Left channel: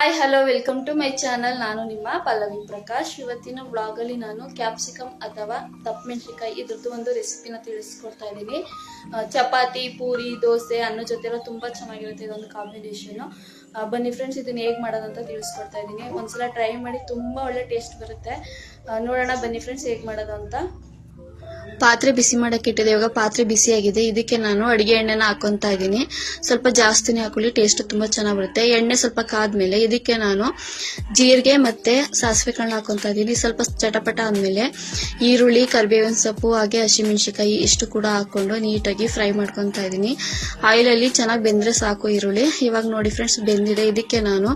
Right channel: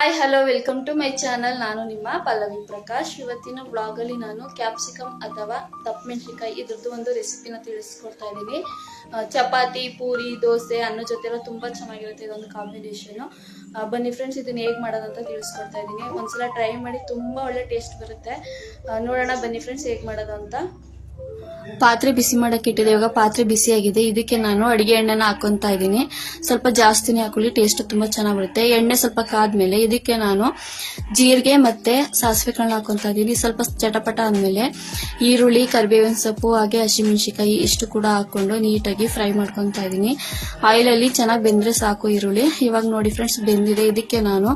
Hi hello welcome to my channel. ನಾನು ನಿಮ್ಮ ಪಲ್ಲವಿ ಪ್ರಕಾಶ್. ಇವತ್ತಿನ ಬ್ಲಾಗ್ ಅಲ್ಲಿ ನಾನು ಕ್ಯಾಪ್ಸಿಕಮ್ ಅಥವಾ ದಪ್ಪ ಮೆಣಸಿನಕಾಯಿ ಇದ್ರದ್ದು ಒಂದು ರೆಸಿಪಿನ ತಿಳಿಸ್ಕೊಡ್ತಾ ಇದ್ದೀನಿ. ಚಪಾತಿ, ಪೂರಿ, ದೋಸೆ ಅನ್ನೋ ಜೊತೆ ಎಲ್ಲ ತುಂಬಾ ಚೆನ್ನಾಗಿರುತ್ತೆ ಇದೊಂದು ಕಾಂಬಿನೇಷನ್. ಬನ್ನಿ ಫ್ರೆಂಡ್ಸ್, ಇದನ್ನ ಹೇಗೆ ಮಾಡೋದಂತ ತಿಳಿಸ್ಕೊಡ್ತಾ ಇದ್ದೀನಿ. ಒಂದ್ಸಲ ಟ್ರೈ ಮಾಡಿ, ತುಂಬಾ ಒಳ್ಳೆ ಟೇಸ್ಟ್ ಬರುತ್ತೆ. ನೋಡೋಣ ಬನ್ನಿ ಫ್ರೆಂಡ್ಸ್ ಹೇಗೆ ಮಾಡೋದು ಅಂತ. ಪಾತ್ರೆ ಬಿಸಿ ಮಾಡಕ್ಕೆ ಇಟ್ಟಿದೆ. ಇವಾಗ ಪಾತ್ರೆ ಬಿಸಿ ಆಗಿದೆ. ಇದಕ್ಕೆ ನಾನು ಅಡಿಗೆ ಎಣ್ಣೆನ ಹಾಕೊಂತಾ ಇದ್ದೀನಿ. ಸ್ವಲ್ಪ ಜಾಸ್ತಿನೇ ಹಾಕೊಳ್ಳಿ, ಟೇಸ್ಟ್ ತುಂಬಾ ಚೆನ್ನಾಗಿ ಬರುತ್ತೆ. ಎಣ್ಣೆ ಸ್ವಲ್ಪ ಕಾದ್ಮೇಲೆ ಇದಕ್ಕೆ ನಾನು ಜೀರಿಗೆ ಮತ್ತೆ ಸಾಸಿವೆ ಕಾಳನ್ನ ಹಾಕೊಂತಾ ಇದ್ದೀನಿ. ಸ್ವಲ್ಪ ಚಟಪಟ ಆದ್ಮೇಲೆ ಈರುಳ್ಳಿ, ಕರಿಬೇವಿನ ಸೊಪ್ಪು ಹಾಗೆ ಹಸಿಮೆಣಸಿನಕಾಯಿ ಇಷ್ಟು ಕೂಡ ಹಾಕೊಂಡು ನೀಟಾಗಿ ಫ್ರೈ ಮಾಡ್ಕೊಂತಾ ಇದ್ದೀನಿ. ಆಯಿಲ್ ಅಲ್ಲಿ ಚೆನ್ನಾಗಿ ಬೆಂದ್ರೆ ಸಾಕು ಈರುಳ್ಳಿ. ಇವಾಗ ನೋಡಿ ಫ್ರೆಂಡ್ಸ್, ಬೆಂದಿದೆ. ಇದಕ್ಕೆ ನಾನು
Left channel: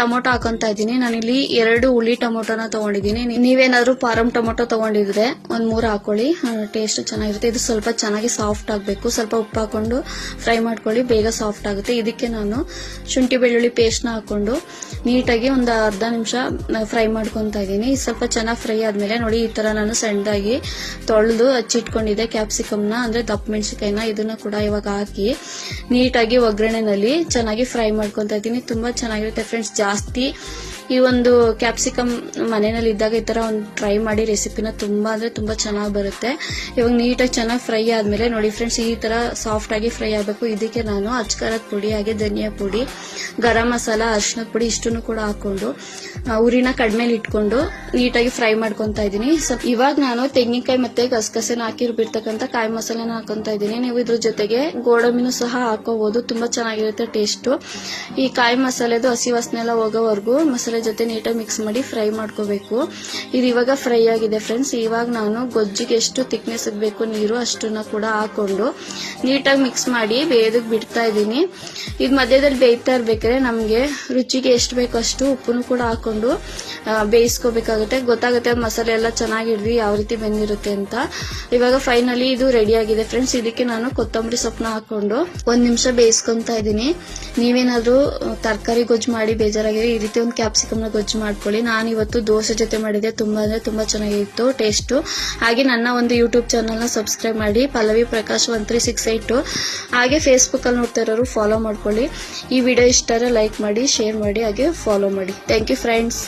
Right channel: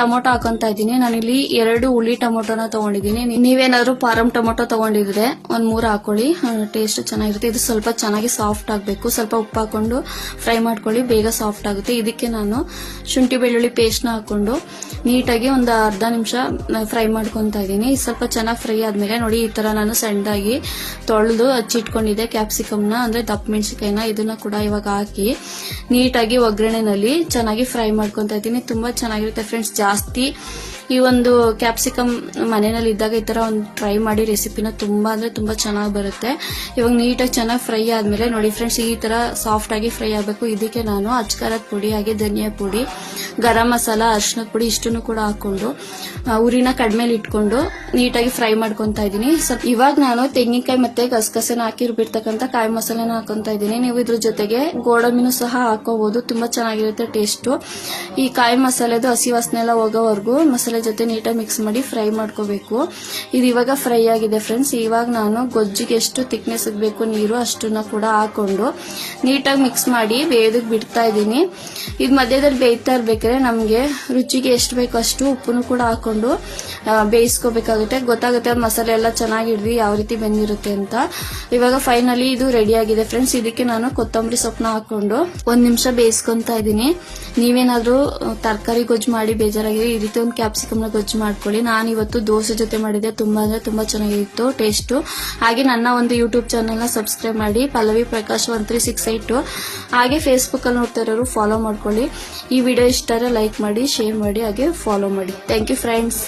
ಟೊಮೊಟೊ ಹಾಕೊಂತಾ ಇದ್ದೀನಿ. ನಾನಿಲ್ಲಿ 2 ಹುಳಿ ಟೊಮೊಟೊನ ತಗೊಂಡಿದ್ದೀನಿ. ನೀವೇನಾದ್ರೂ ಫಾರಂ ಟೊಮೊಟೊ ತಗೊಂಡಿದ್ರೆ ಒಂದ್ 3 ಹಾಕೊಳ್ಳಿ, ಟೇಸ್ಟ್ ಚೆನ್ನಾಗಿರುತ್ತೆ. ಇದು ಸ್ವಲ್ಪ ಚೆನ್ನಾಗಿ ಸಾಫ್ಟ್ ಆಗಬೇಕು. ಸ್ವಲ್ಪ ಉಪ್ಪು ಹಾಕೊಂಡು ಫ್ರೈ ಮಾಡ್ಕೊಳ್ಳಿ, ಬೇಗ ಸಾಫ್ಟ್ ಆಗುತ್ತೆ. ಇದಕ್ಕೆ ನಾನು ಶುಂಠಿ ಬೆಳ್ಳುಳ್ಳಿ ಪೇಸ್ಟ್ ನ ಹಾಕೊಂಡು ನೀಟಾಗಿ ಒಂದು ಅರ್ಧ ನಿಮಿಷ ಫ್ರೈ ಮಾಡ್ಕೊಂತಾ ಇದ್ದೀನಿ. ಸ್ವಲ್ಪ ಚೆನ್ನಾಗಿ ಫ್ರೈ ಆದ್ಮೇಲೆ ನೋಡಿ, ಈ ತರ ನಾನು ಸಣ್ಣದಾಗಿ ತೊಳೆದು ಹಚ್ಚಿಟ್ಕೊಂಡಿದ್ದೆ ಕ್ಯಾಪ್ಸಿಕಮ್ ನ, ಅಂದ್ರೆ ದಪ್ಪ ಮೆಣಸಿನಕಾಯಿನ, ಇದನ್ನ ಕೂಡ ಇವಾಗ ಹಾಕಿ ನೀಟಾಗಿ ಒಗ್ಗರಣೆನಲ್ಲಿ ಚೆನ್ನಾಗಿ ಫ್ರೈ ಮಾಡ್ಕೊಂತಾ ಇದ್ದೀನಿ. ತುಂಬಾ ಚೆನ್ನಾಗಿರುತ್ತೆ ಫ್ರೆಂಡ್ಸ್. ಜಾಸ್ತಿ ಈ ಒಂದು ಕ್ಯಾಪ್ಸಿಕಮ್ ಮನೆಯಲ್ಲಿ ಇದ್ದಾಗ ಈ ತರ ಒಂದು ಟ್ರೈ ಮಾಡಿ ರೆಸಿಪಿನ, ತುಂಬಾ ಅಂದ್ರೆ ತುಂಬಾ ಚೆನ್ನಾಗಿ ಬರುತ್ತೆ. ಇವಾಗ ನೀಟಾಗಿ ಚೆನ್ನಾಗಿ ಫ್ರೈ ಆದ್ಮೇಲೆ ನೋಡಿ ಫ್ರೆಂಡ್ಸ್, ಈ ತರ ಸಾಫ್ಟ್ ಆಗಿ ಫ್ರೈ ಆಗಬೇಕು. ಇದಕ್ಕೆ ನಾನು ಅಚ್ಕಾರದ ಪುಡಿ ಹಾಗೆ ಧನಿಯಾ ಪುಡಿ, ಗರಂ ಮಸಾಲ, ಅರಿಶಿನ ಪುಡಿ ಇಷ್ಟನ್ನು ಕೂಡ ಹಾಕೊಂಡು ಉರಿನ ಕಡಿಮೆಲಿ ಇಟ್ಕೊಂಡು ನೀಟಾಗಿ ಫ್ರೈ ಮಾಡ್ಕೊಂತಾ ಇದ್ದೀನಿ. ಇವಾಗ ನಾನು ತೆಂಗಿನಕಾಯಿ ಮತ್ತೆ ಗಸಗಸೆನ ಹಾಕಿರ್ಬಿಡ್ತಕ್ಕಂಥ ಕಾಯಿ ಮಸಾಲೆನ ಹಾಕೊಂತಾ ಇದ್ದೀನಿ. ನೀವು ಇದ್ರ ಜೊತೆಗೆ ಗೋಡಂಬಿನೂ ಸಹ ಹಾಕೋಬಹುದು, ತುಂಬಾ ಚೆನ್ನಾಗಿರುತ್ತೆ ಟೇಸ್ಟ್. ಈ ಕಾಯಿ ಮಸಾಲೆದು ಹಸಿ ವಾಸನೆ ಎಲ್ಲ ಹೋಗೋವರೆಗೂ ಮಸಾಲೆ ಜೊತೆ ನೀಟಾಗಿ ಮಿಕ್ಸ್ ಮಾಡಿ ಫ್ರೈ ಮಾಡ್ಕೋಬೇಕು. ಇದು ಇವಾಗ ಫ್ರೈ ಆಗಿದೆ ಫ್ರೆಂಡ್ಸ್. ಇವಾಗ ನಾನು ಗೊಜ್ಜಿಗೆ ಎಷ್ಟು ಥಿಕ್ನೆಸ್ ಬೇಕು ನೀರು ಅಷ್ಟನ್ನ ಕೂಡ ಹಾಕೊಂಡು ನೀಟಾಗಿ ಮಿಕ್ಸ್ ಮಾಡಿ ಬೇಯದಕ್ಕೆ ಬಿಡ್ತಾ ಇದ್ದೀನಿ. ಇದು ಮಧ್ಯದಲ್ಲಿ ಬೇಯ್ತಾ ಇರ್ಬೇಕಾದ್ರೆ ನಮಗೆ ರುಚಿಗೆ ಎಷ್ಟು ಬೇಕೋ ಅಷ್ಟು ಉಪ್ಪನ್ನು ಕೂಡ ಹಾಕೊಂಡು ಬೇಯಿಸ್ಕೋಬೇಕಾಗುತ್ತೆ. ಗೊತ್ತಾಗುತ್ತೆ ಮಸಾಲೆ ಎಲ್ಲ ಚೆನ್ನಾಗಿ ಹಿಡಿದು ಯಾವ ರೀತಿ ಬೆಂದಿರುತ್ತೆ ಅಂತ. ಇವಾಗ ಫೈನಲಿ ಇದು ರೆಡಿ ಆಗಿದೆ ಫ್ರೆಂಡ್ಸ್. ಇದಕ್ಕೆ ನಾನು ಕೊತ್ತಂಬರಿ ಸೊಪ್ಪನ್ನ ಹಾಕೊಂಡು 1 ನಿಮಿಷ ಬೇಯಿಸ್ಕೊಂತಾ ಇದ್ದೀನಿ. ನೀವೇನಾದ್ರೂ ತರಕಾರಿ ಗೊಜ್ಜು ಮಾಡಿ ಬೇಜಾರಾಗಿದೆ, ಈ ರೀತಿ ಒಂದು ಕ್ಯಾಪ್ಸಿಕಮ್ ನ ಗೊಜ್ಜು ಮಾಡ್ಕೊಳ್ಳಿ. ನಾನು ಇವತ್ತು ದೋಸೆ ಜೊತೆ ಮಾಡಿದ್ದೆ, ತುಂಬಾ ಅಂದ್ರೆ ತುಂಬಾ ಚೆನ್ನಾಗಿತ್ತು ಟೇಸ್ಟ್. ಹಾಗೆ ನನ್ನ ಒಂದು ಯೂಟ್ಯೂಬ್ ಚಾನೆಲ್ ನ ಸಬ್ಸ್ಕ್ರೈಬ್ ಮಾಡಿ, ಪಲ್ಲವಿ ಪ್ರಕಾಶ್ 1368. ಹಾಗೆ ಫೇಸ್ಬುಕ್ ಅಲ್ಲಿ ನೋಡ್ತಾ ಇರೋರು ಫಾಲೋ ಮಾಡ್ಕೊಳ್ಳಿ. ಈ ವಿಡಿಯೋ ಇಷ್ಟ ಲೈಕ್ ಮಾಡಿ, ಶೇರ್ ಮಾಡಿ, ಹಾಗೆ ಫಾಲೋ ಮಾಡಿ. Thank you friends.